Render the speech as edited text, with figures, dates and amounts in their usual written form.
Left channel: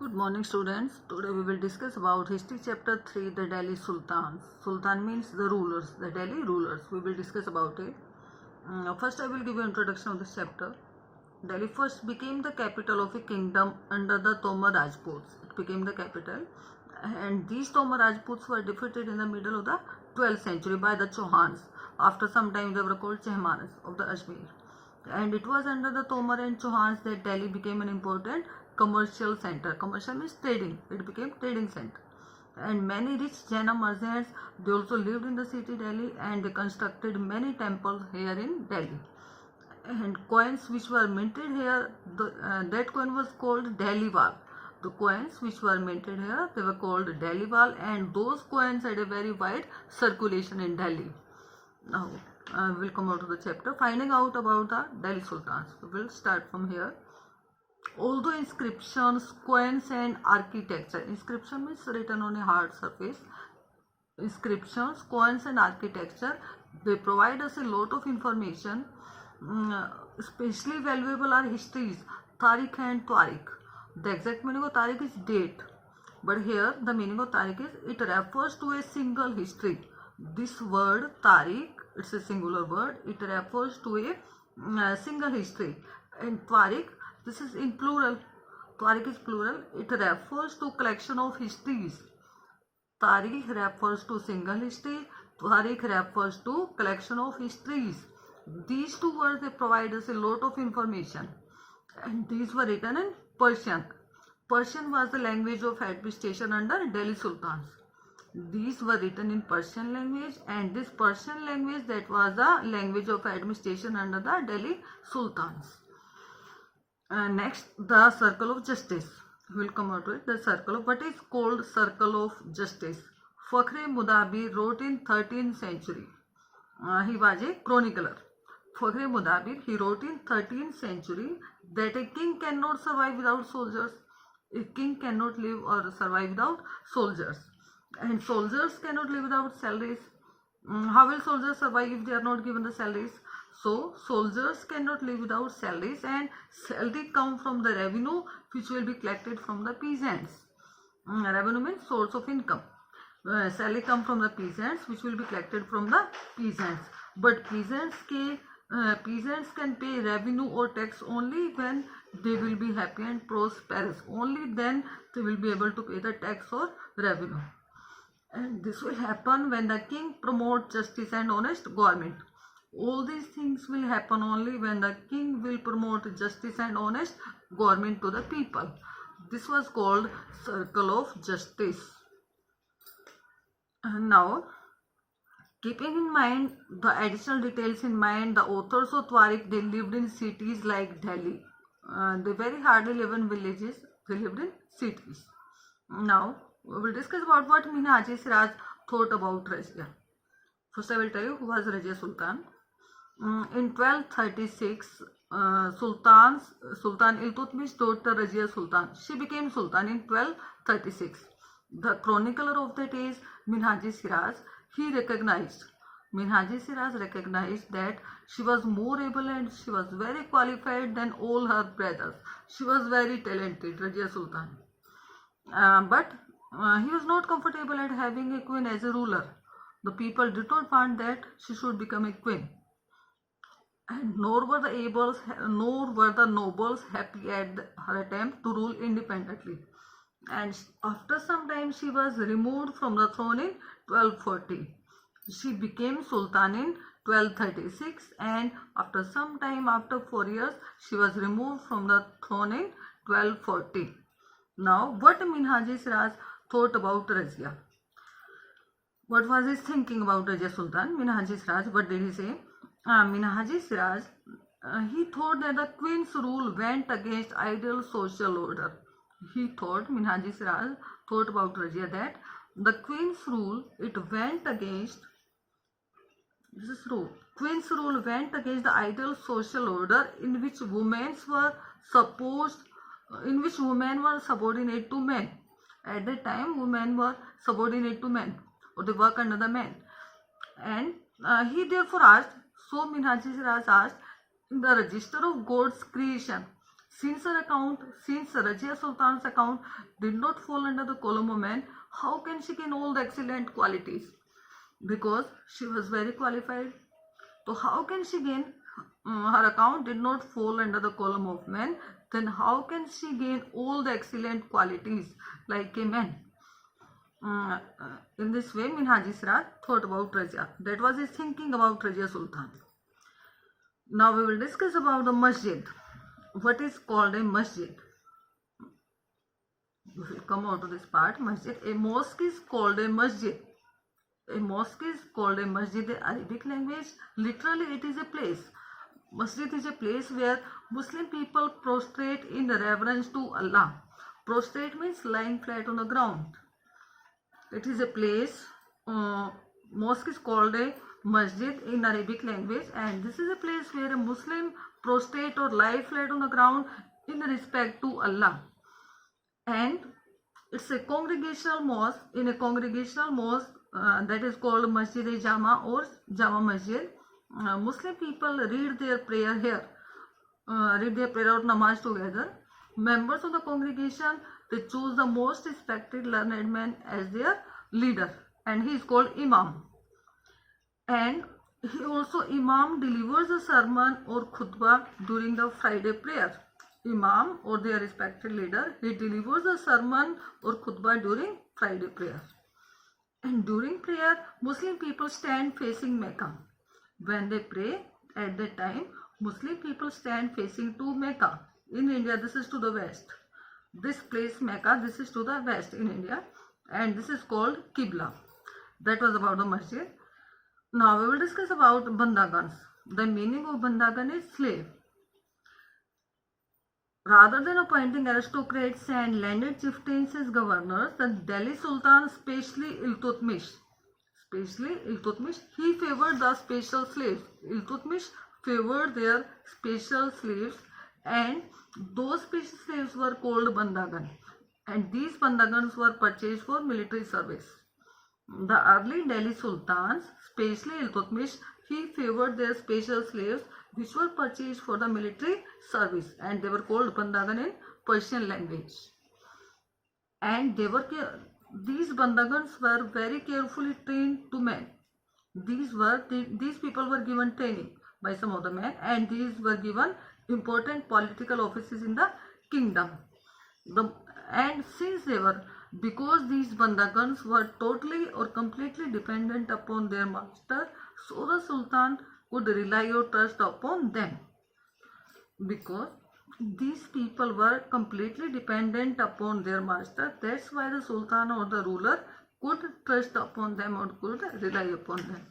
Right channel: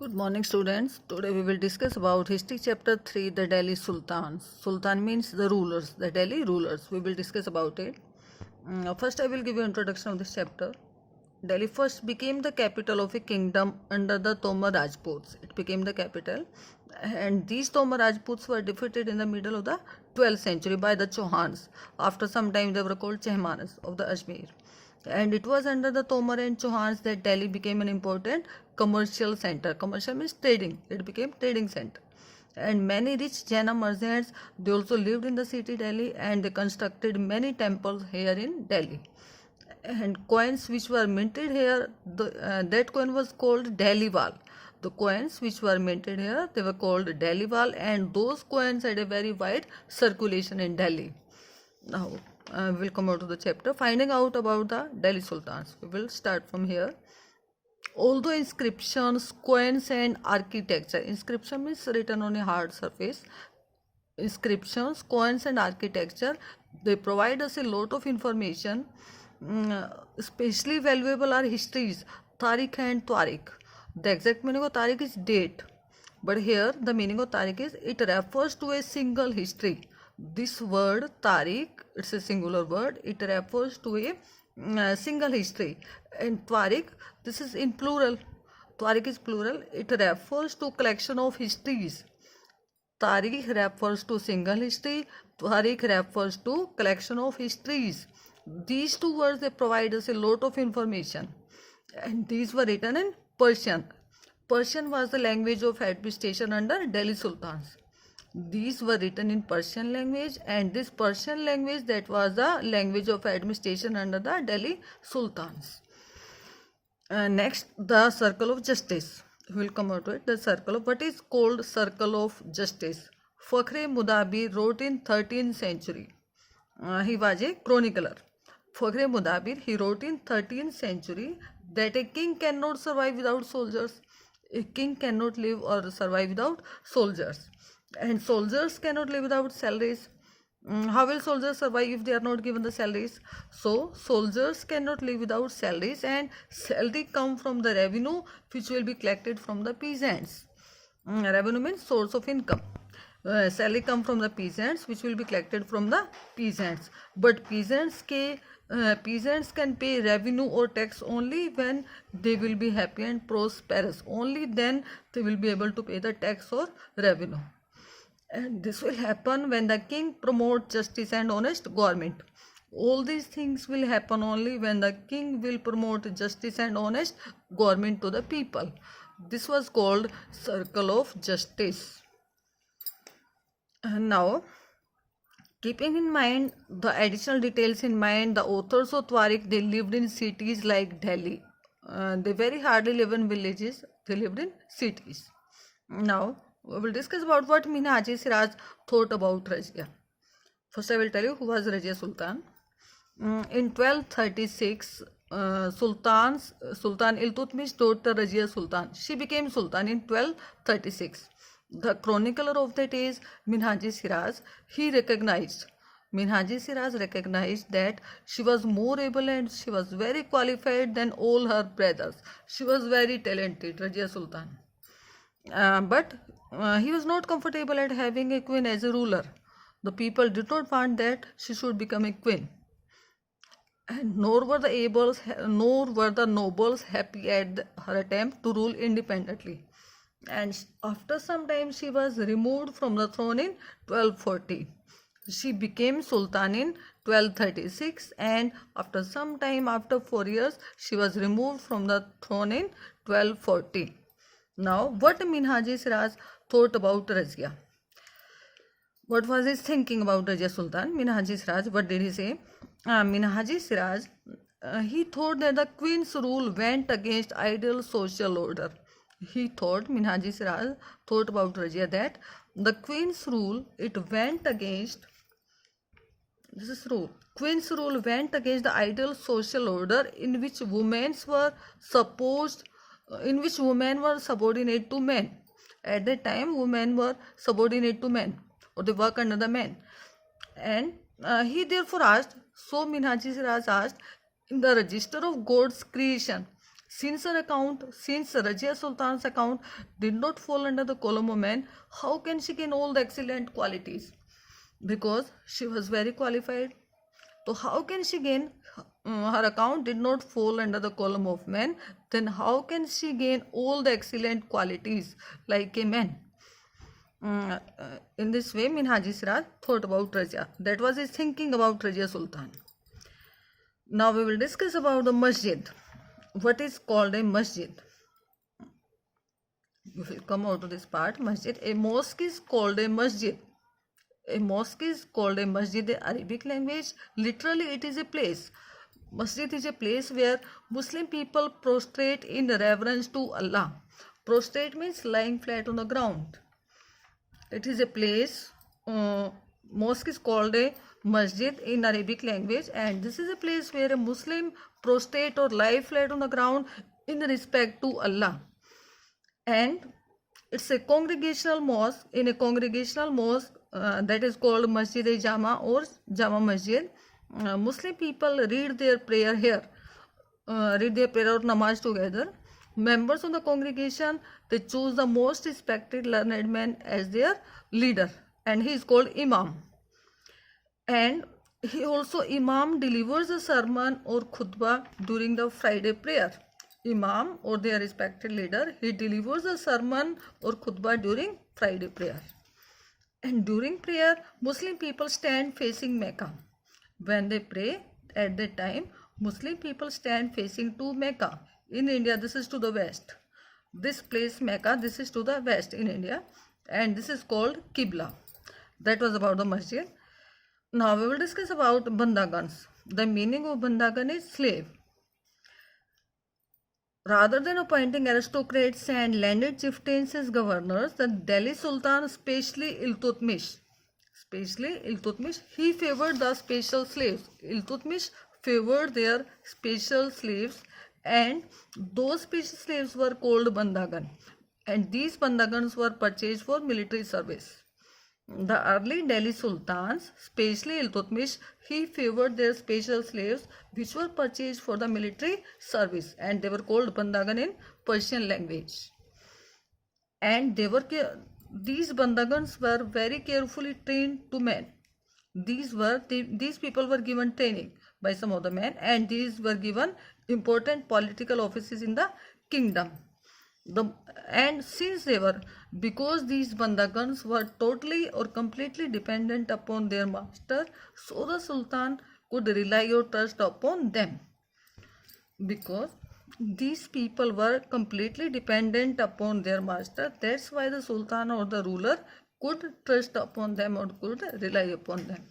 Good morning, students. Today we will discuss about history chapter 3, the Delhi Sultans. Sultan means the rulers, the Delhi rulers. We will discuss about it. First I will give you introduction of this chapter. Delhi first became the capital of a kingdom under the Tomar Rajputs. It became the capital, and these Tomar Rajputs were defeated in the middle of the 12th century by the Chauhans. After some time they were called Chehmanas of the Ajmer, and it was under the Tomar and Chauhans that Delhi became an important commercial center. Commercial means trading. It became trading center. And many rich Jaina merchants, they also lived in the city Delhi, and they constructed many temples here in Delhi. And coins which were minted here, that coin was called Delhiwal. The coins which were minted here, they were called Delhiwal, and those coins had a very wide circulation in Delhi. Now we will come out to the chapter finding out about the Delhi Sultans. We will start from here. Although inscriptions, coins and architecture, inscription means written on a hard surface, inscriptions, coins and architecture, they provide us a lot of information. Especially valuable are histories, Tariq and Tariq. The exact meaning of Tariq is date, but here the meaning of Tariq is it refers to a single history. This word Tariq, it's a singular word, it refers to a single history. And Tariq, this is in plural. Tariq is plural, it refers to collection of histories. Tariq refers to single history, Tariq refers to collection of histories. These two words, they provide us a lot of information, and these were written in Persian. Persian was the language of administration under Delhi Sultans. These were written in Persian language, and this Persian language, that was the language of administration under the Delhi Sultans. Next, the circle of justice. We will come out to it. The circle of, what is called circle of justice? Fakhr Mudabir wrote in 13th century. He was a chronicler. Fakhr Mudabir, he wrote in 13th century that a king cannot survive without soldiers. A king cannot live or survive without soldiers, and soldiers cannot live without salaries. How will soldiers survive if they are not given the salaries? So soldiers cannot live without salaries, and salary come from the revenue which will be collected from the peasants. Revenue means source of income. Salary come from the peasants which will be collected from the peasants, but peasants can pay revenue or tax only when they will be happy and prosperous. Only then they will be able to pay the tax or revenue. And this will happen when the king promotes justice and honest government. All these things will happen only when the king will promote justice and honest government to the people. This was called circle of justice. And now, keeping in mind the additional details in mind, the authors of Tariq, they lived in cities like Delhi. They very hardly live in villages. They lived in cities. Now, we will discuss about what Minhaji Siraj thought about Razia. First I will tell you who was Razia Sultan. In 1236, Sultan Iltutmish daughter Razia Sultan, she became Sultan in 1236. The chronicler of that is Minhaji Siraj. Minhaji Siraj recognized that she was more able and she was very qualified than all her brothers. She was very talented, Razia Sultan. But he was not comfortable at having a queen as a ruler. The people did not want that she should become a queen, and nor were the nobles happy at her attempt to rule independently. And after some time, she was removed from the throne in 1240. She became Sultan in 1236, and after some time, after 4 years, she was removed from the throne in 1240. Now, what Minhaji Siraj thought about Razia? What was his thinking about Razia Sultan? Minhaji Siraj, what did he say? Minhaji Siraj, he thought that the queen's rule went against ideal social order. Minhaji Siraj thought about Razia that the queen's rule, it went against, this is true, queen's rule went against the ideal social order in which women were subordinate to men. At that time, women were subordinate to men, or they work under the men. And he therefore asked, so Minhaji Siraj asked, in the register of God's creation, Since Razia Sultan's account did not fall under the column of men, how can she gain all the excellent qualities? Because she was very qualified. So how can she gain? Her account did not fall under the column of men. Then how can she gain all the excellent qualities like a man? In this way, Minhaji Siraj thought about Razia. That was his thinking about Razia Sultan. Now we will discuss about the masjid. What is called a masjid? We will come out to this part. Masjid. A mosque is called a masjid. A mosque is called a masjid in Arabic language. Literally, it is a place. Masjid is a place where Muslim people prostrate in reverence to Allah. Prostrate means lying flat on the ground. It is a place. Mosque is called a masjid in Arabic language, and this is a place where a Muslim prostrate or lie flat on the ground in respect to Allah. And it's a congregational mosque. In a congregational mosque that is called Masjid-e-Jama or Jama Masjid, Muslim people read their prayer here, read their prayer or namaz together. Members of the congregation, they choose the most respected learned man as their leader, and he is called Imam. And he also Imam delivers a sermon or khutbah during the Friday prayer. Imam or their respected leader, he delivers a sermon or khutbah during Friday prayer. And during prayer, Muslim people stand facing Mecca. When they pray, at that time, Muslim people stand facing to Mecca. In India, this is to the west. This place Mecca, this is to the west in India, and this is called Qibla. That was about the masjid. Now we will discuss about bandagans. The meaning of bandagan is slave. Rather than appointing aristocrats and landed chieftains as governors, the Delhi Sultan, especially Iltutmish, he favored the special slaves. Iltutmish favored their special slaves, and those special slaves were called bandagan, and these bandagans were purchased for military service. The early Delhi Sultans, especially Iltutmish, he favored their special slaves which were purchased for the military service, and they were called bandagan in Persian language. And these bandagans were very carefully trained to men. These people were given training by some of the men, and these were given important political offices in the kingdom. Because these bandagans were totally or completely dependent upon their master, so the Sultan could rely or trust upon them. Because these people were completely dependent upon their master, that's why the Sultan or the ruler could trust upon them or could rely upon them.